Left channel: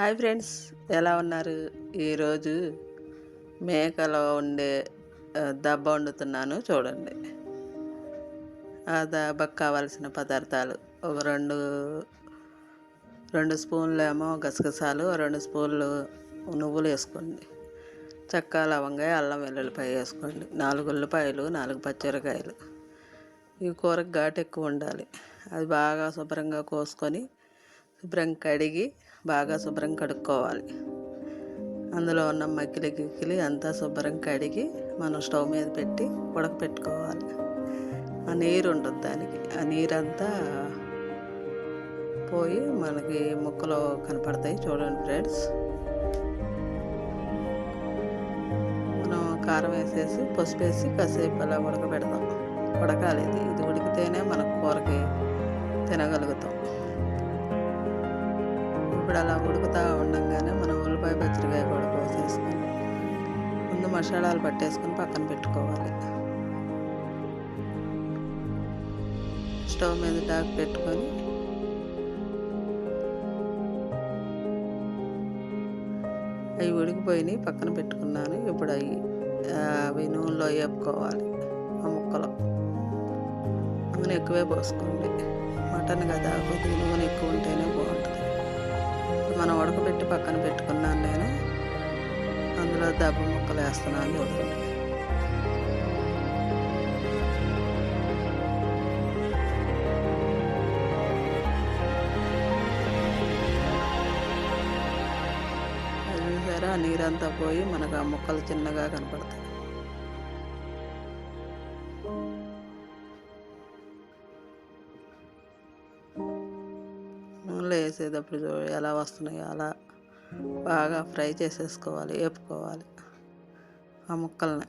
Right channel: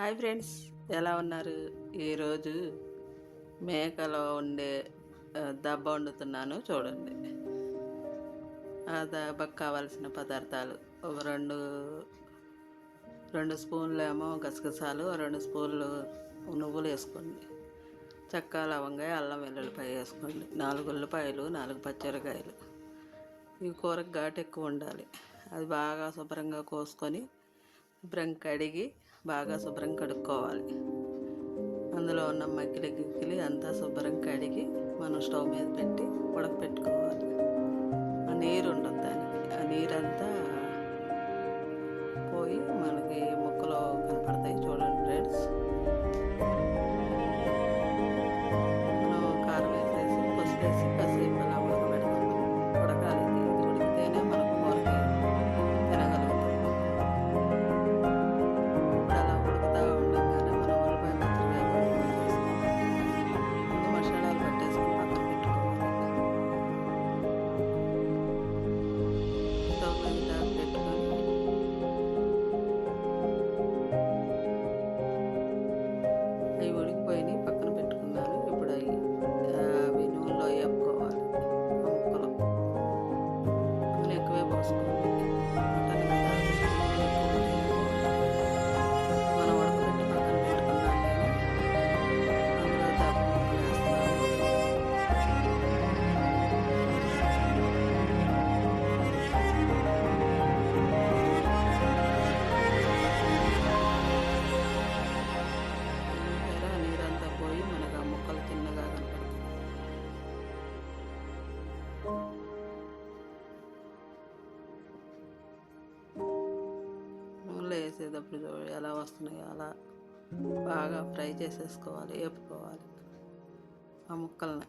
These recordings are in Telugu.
హాయ్ ఫ్రెండ్స్, ఎలా ఉన్నారు? ఈరోజు మేకలో ఉండే దబ్బ వండుతున్నాను చూడండి. ఆ దబ్బకు కావాల్సిన పదార్థాలు ఒక రెండు స్పూన్లు ఏమో గసగసాలు, 2 స్పూన్లు నువ్వులు వేసుకోండి. చెక్క, లవంగాయ, అల్లం వెల్లుల్లిపాయ వేసుకోండి. 4 ఉల్లిపాయలు, 4 పచ్చిమిరకాయలు. ఈ కూరకు ఘాటు ఎక్కువ ఉండాలి. అది బాగా శుభ్రంగా కోసుకొని శుభ్రం కడిగి బాగా శుభ్రం కడుక్కోవాలి. అందులో ఉన్న గిక్కిలి అంతా శుభ్రం కడిగి మనం స్టవ్ మీద పెట్టి ఉడకపెట్టుకోవాలి. ఆ నీరు ఉంటుంది దానికి, ఆ నీరంతా పోయి మనకి ముక్కలు కనపడతాయి చూడండి ఫ్రెండ్స్. మనం కారం వేసేసి పసుపు వేసి కాసేపు అలా ఉడకబెడతాం. ఉడకాలి, ఇది ఉడికితేనే మనకు కూరకి తినగలుగుతాం. ఇప్పుడు అలా ఉడుకుతూ ఉండగానే మనం ఉల్లిపాయ పచ్చిమిరకాయ కూడా కోసేసుకొని ముందు మసాలాలు పట్టేసుకొని పక్కన పెట్టుకోవాలి. స్టవ్ మీద డాక్ పెట్టుకొని అవి ఉడికిపోయినాయి పక్కన పెట్టుకున్నాను. ఇప్పుడు అవి నూనెలో వేపుకోవాలి. ఆ ముక్కలు నూనె ఎక్కువే పోసుకోండి. మటన్ కదా, కొంచెం నూనె ఎక్కువ ఉంటేనే బాగుంటుంది. మనం ఉడకబెట్టి పక్కన పెట్టుకున్నాను నేను. అందులో దబ్బ ముక్కలు వేస్తున్నాను. చూసారా, నీరంతా పోయి మనకు ఆ ముక్కలు చిన్నగా కనపడతాయి. నూనెలో వేసేటప్పుడు ఎలా వస్తున్నాయో అలా బాగా ఫ్రై చేసేసుకోవాలి, వేపుకోవాలి ఆ ముక్కల్ని.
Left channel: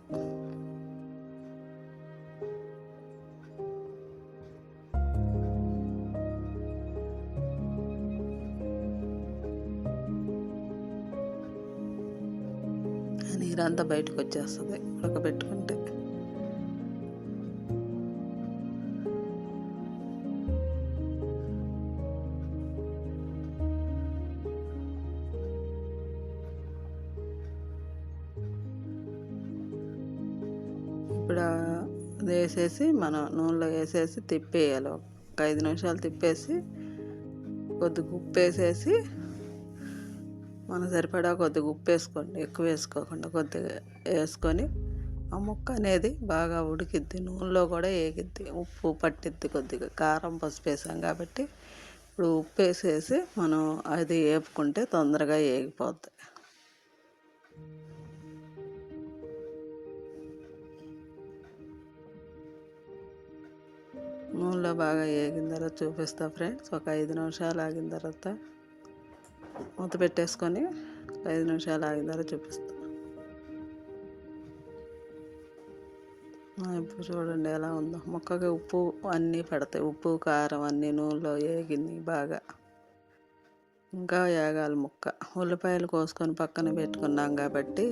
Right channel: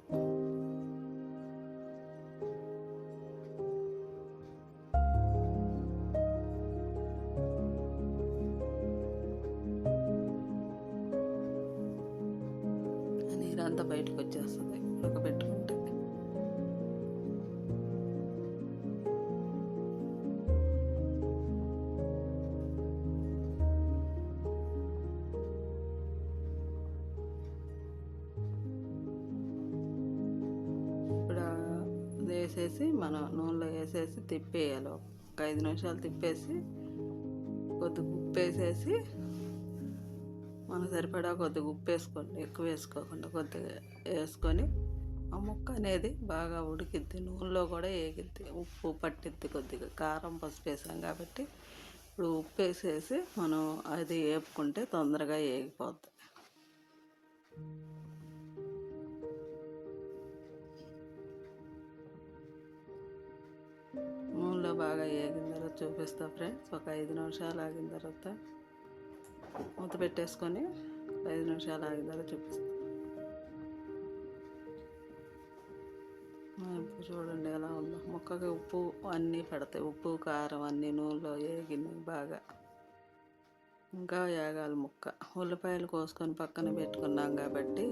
నీరంతా బయటకు వచ్చేస్తుంది ఉడకబెట్టుకుంటే. ఇప్పుడు అది వేసేసి మనం నూనెలో వేసేసి తిప్పేయాలి. ఒక 5 నిమిషాలు తిప్పేసి కొద్దిగా ఉప్పు వేసేసి మనకు సరిపడా కొద్దిగా ఉప్పు వేసుకోండి, ఎక్కువ వేసుకోకుండా కొద్దిగా వేసుకొని ఆ ముక్క అనేది బాగా ఉడికిద్ది, నూనెలో కూడా వేగిద్ది, ఉప్పు పట్టిద్ది. కొద్దిగా కారం పసుపు వేసాం కాబట్టి ఇప్పుడు ఉప్పు వేసేసి మనం అది వేపుకుంటే తొందరగా వేగిపోద్ది. నూనెలో బాగా వేగిన తర్వాత చూపిస్తా ఫ్రెండ్స్. ఒక 5 నిమిషాలు ఆగిన తర్వాత మూత పెట్టేసుకొని 5 నిమిషాలు ఆగిన తర్వాత చూపిస్తా. ఇప్పుడు చూడండి ఎలా ఉందో. ముక్కకి ఉప్పు అన్నీ పడతాయి, ఉప్పు కారం అన్నీ నూనెలో వేగింది బాగా. ఇంకా వేగాలి ముక్క. ఉల్లిపాయలు కోసుకొని పక్కన పెట్టుకున్నాం కాబట్టి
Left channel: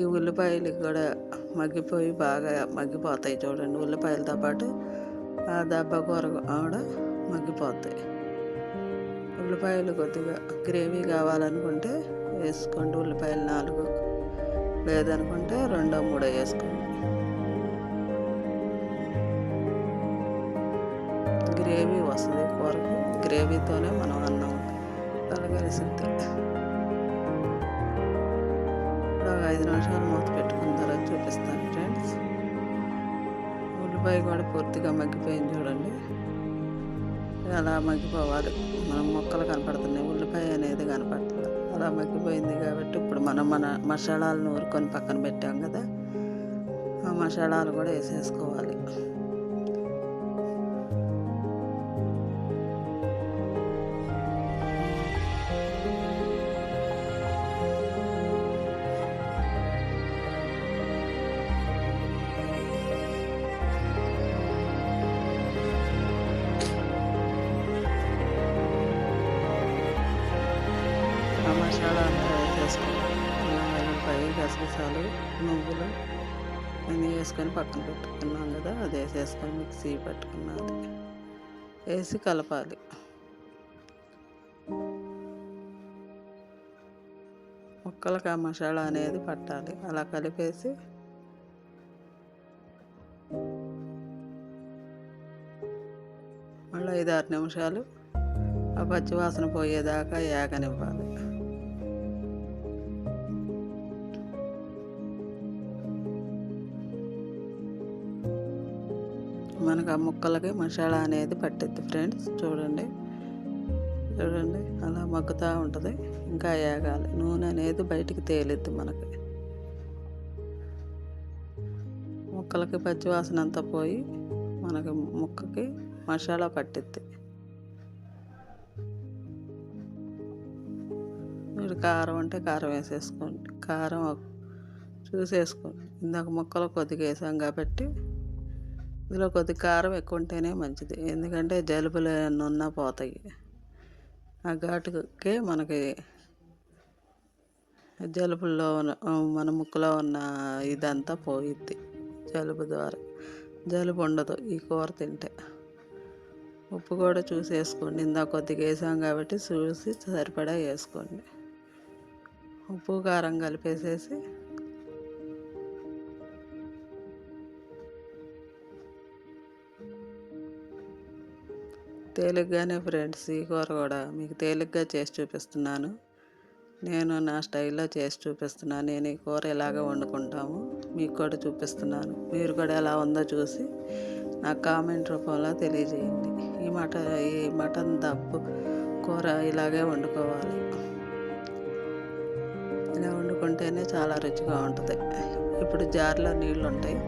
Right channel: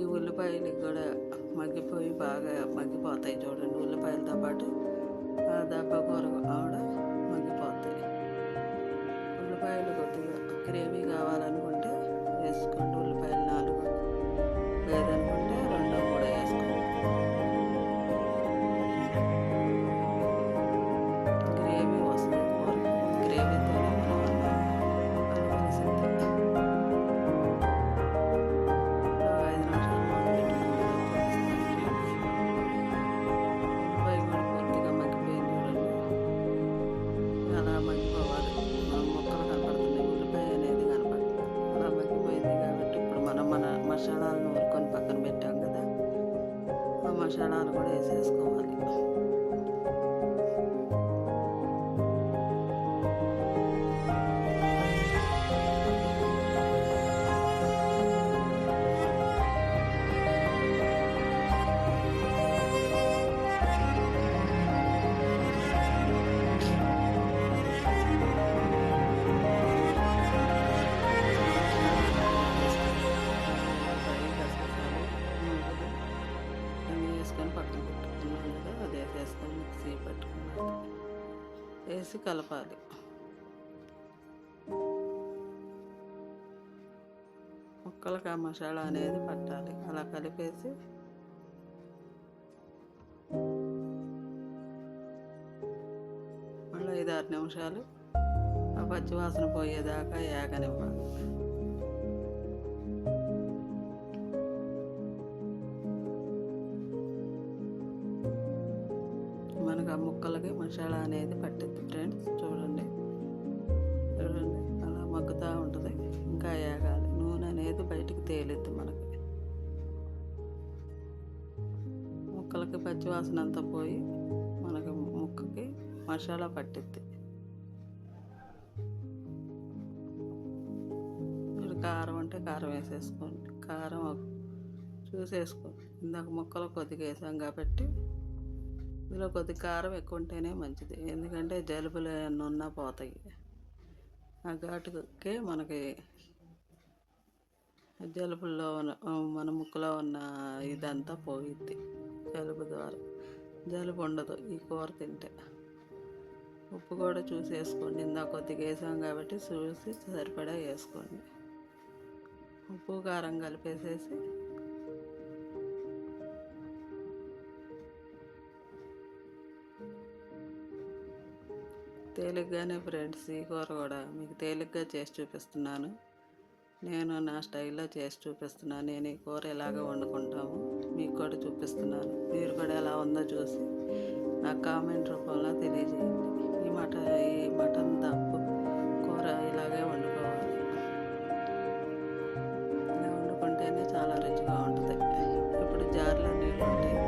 ఈ ఉల్లిపాయలు కూడా మగ్గిపోయి బాగా మగ్గిపోతాయి చూడండి. ఉల్లిపాయలతో పాటు ఆ దబ్బ కూర కూడా మగ్గిపోతాయి. ఉల్లిపాయలు కొద్దిగా గ్రేవీ కావాలనుకుంటే వేసుకోండి, ఉల్లిపాయలు 4, లేదనుకుంటే 2, 3 వేసుకోండి. గ్రేవీ వస్తుంది కూరకు, గ్రేవీతోనే మనం అన్నం కలగలిసింది. ఒక 5 నిమిషాలు మూత పెట్టుకున్న తర్వాత చూపిస్తాను ఫ్రెండ్స్. ఉల్లిపాయ కూడా పూర్తిగా మగ్గిపోయింది చూడండి. అలా మగ్గిపోవాలి. మనం ముక్కలు కనపడుతున్నాయి, ఉల్లిపాయ అనేది కనపడుతుంది. అలా మగ్గిపోయింది కాబట్టి ఇప్పుడు మనం మన మసాలాలు నూరుకొని పక్కన పెట్టాం కదా, ఆ మసాలాలు కూడా వేసేసుకోవాలి. గసగసాలు, నువ్వులు అన్నీ వేసుకొని పక్కన పెట్టుకున్నాం కదా, అది వేసేసుకొని మిక్సీ పట్టుకున్నది వేసి కలపాలి. ముక్కలకి ఆ మసాలా అనేది పట్టాలి. అలా కలిపేసి మళ్ళీ 5-6 నిమిషాలు ఆ పచ్చివాసన పోయేదాకా ఏగనివ్వాలి. మనకు ఆ ముక్కలకి మసాలా అనేది పట్టిద్ది ఫ్రెండ్స్. చూడండి అలా మగ్గుతూ ఉంటుంది. ఇంకా ఏగాలి. నూనె అనేది బయటికి తేలిద్ది మనకి. ముక్కలకి పచ్చివాసన అంతా పోయి మనకి ముక్కకి మసాలా పట్టిద్ది. మీరు కారం అంటే కారం వేసేసుకోండి. కారం చూసేసుకోండి. ఇందాక ముక్కలు కొద్దిగా వేసాం కాబట్టి ఇందులో కొద్దిగా కారం ఎక్కువ ఉంటేనే మంచిది. ఎందుకంటే జలుబులు ఏమన్నా ఉన్నా పోతాయి. ఆ ఘాటుకే మనకి జలుబుల్లో మన ముక్కులో ఉన్న ఇదంతా పోయిద్ది. జలుబు ద్వారా జలుబు ఉండదు ఈ కూర తింటే. ఉప్పు కూడా చూసి వేసుకోండి. ఇందాక కొద్దిగా వేసాం కాబట్టి చూసి సరిపడా వేసుకోండి. ఉప్పు కారం కలిపేసేసి తేలిగ్గానే ఫ్రెండ్స్, ఈ కూర కూడా మీకు తేలిగ్గా చేసి చూపిస్తున్నాను. నేను నా స్టైల్లో చేసి చూపిస్తున్నాను. నేను ఈ కూర ఎలాగ వండుకుంటాము మీకు కూడా చూపిస్తున్నాను. మీరు కూడా ఎలా ఉందో చూసి నాకు కామెంట్ రూపంలో తెలియజేయండి. ఈ మటన్ దప్పు కూర ఇలాగే వండుకోవాలి. ఇలా వండుకుంటేనే చాలా రుచిగా ఉంటుంది. ఇప్పుడు జార్లో నీళ్ళు ఉంటాయి.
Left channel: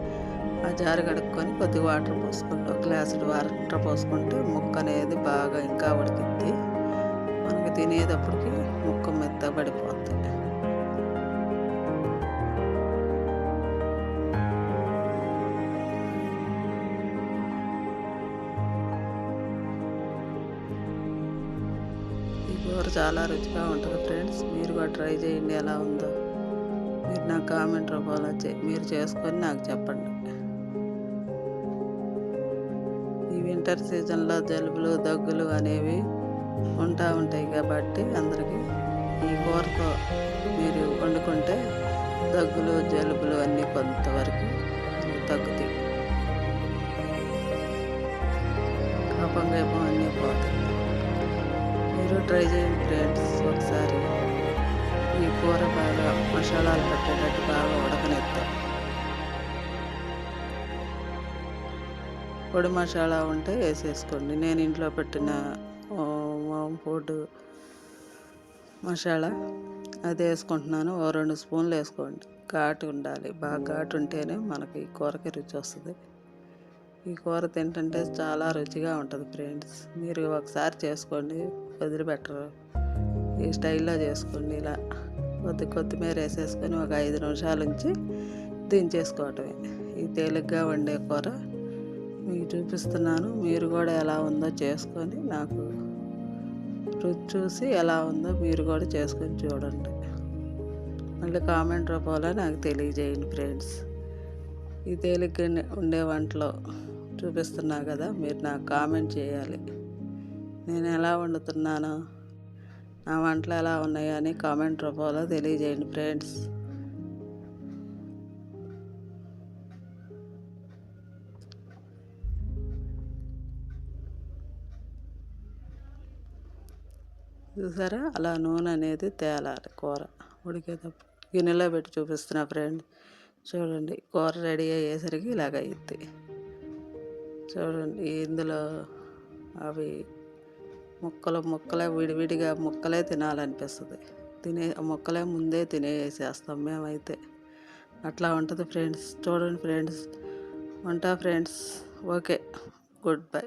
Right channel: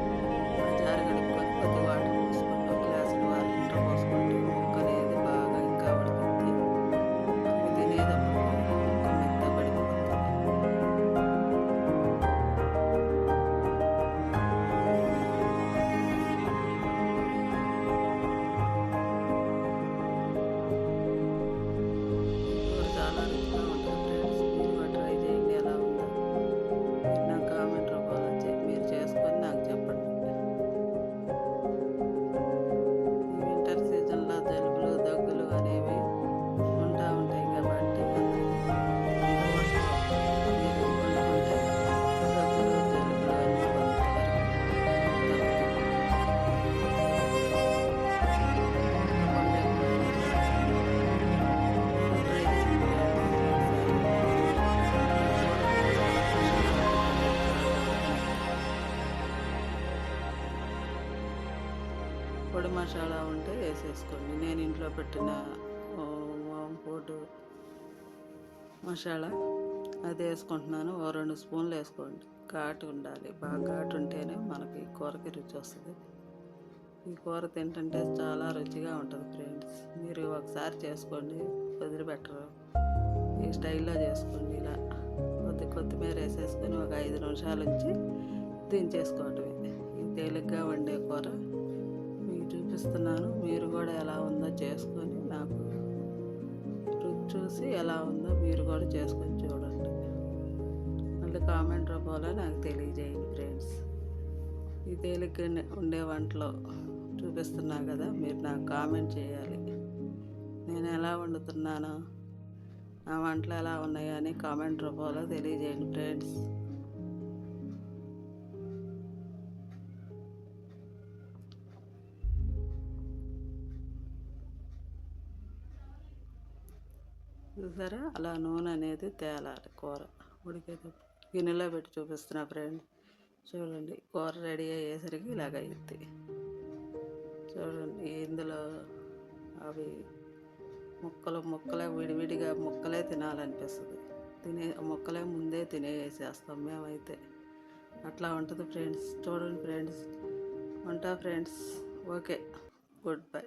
ఆ జారు కడుక్కొని కొద్దిగా వాటర్ పోసుకోండి. ఒక గ్లాసులు వాటర్ పోసుకుంటే ముక్క అనేది బాగా ఇంకా ఉడికిద్ది. మనకి తినేటప్పటికి ముక్క మెత్తబడిపోతుంది. ఈ కూర చాలా రుచిగా ఉంటుంది ఫ్రెండ్స్. మీరు కూడా ట్రై చేయండి. ఎలా ఉందో మీరు నా కామెంట్ రూపంలో మీరు చేసుకొని నాకు చెప్పండి. ఈ వింటర్ సీజన్లో జలుబులు దగ్గులు అనేవి ఉంటాయి కాబట్టి అందరికీ ఈ కూరతో మీరు వండుకుంటే దగ్గులు జలుబులు అన్నీ కొంతవరకు తగ్గుతాయి. కఫం వేపం అన్నీ పోతాయి. మీరు ట్రై చేయండి ఫ్రెండ్స్. ఒకసారి ఈ కూర బాగా మసాలాలు పట్టేటట్టు బాగా ఉడకనిద్దాం. పొడి మసాలా ఉంటే వేసేసుకోండి. నేను ఇంట్లో పెట్టిన ఫుడ్ మసాలా అది వేసుకుంటున్నాను. 2 స్పూన్లు వేసుకోండి. ఘాటు ఉండాలి. బాగా ఘాటు ఉంటేనే మనకి కూరకి రుచి వస్తుంది. ఈ కూర తింటుంటే చాలా రుచిగా ఉంటుంది ఫ్రెండ్స్. మీరు ఒకసారి చేసుకోండి, వదిలిపెట్టరు. ఈ స్టైల్లో చేసుకోండి. ఇలా కొత్తిమీర వేసేసుకొని ఒక 5 నిమిషాల నుంచి దించేసుకోవటమే. ఈ తేలిగ్గా వండే కూర మీకు చూపిస్తున్నాను. మీరు కూడా ఎలా ఉందో చేసుకొని నాకు రుచి చూసి ఎలా ఉందో మీరు కూడా చేసుకొని చూడండి. మళ్ళీ కామెంట్ రూపంలో నాకు తెలియజేయండి ఫ్రెండ్స్. ఈ తేలిగ్గా ఉండే వంటలో చూపిస్తున్నా కదా, మీరు నాకు కామెంట్ చేయాలి. నేను ఎలా వండుతున్నానో, నా వంటలు ఎలా ఉన్నాయో అని కామెంట్ రూపంలో తెలియజేయండి ఫ్రెండ్స్. చూసారా, అలా నూనె అనేది తేలాలి. కూర ఉడికేటప్పుడు గిన్నెలో పెట్టి చూపిస్తున్నా ఫ్రెండ్. చూడండి, కూర రెడీ అయ్యేసరికి ఇలాగ అయ్యిద్ది. చూడండి, ఇందులో అవి ముక్కలే విడివిడిగా ముక్కలే తినాలనిపిస్తుంది. ముక్కలే ముందే తినేసేస్తాం మేమైతే. అట్లా ఉంటుంది ఫ్రెండ్స్. చూడండి ఫ్రెండ్స్, ఉంటా ఫ్రెండ్స్. Okay, good bye.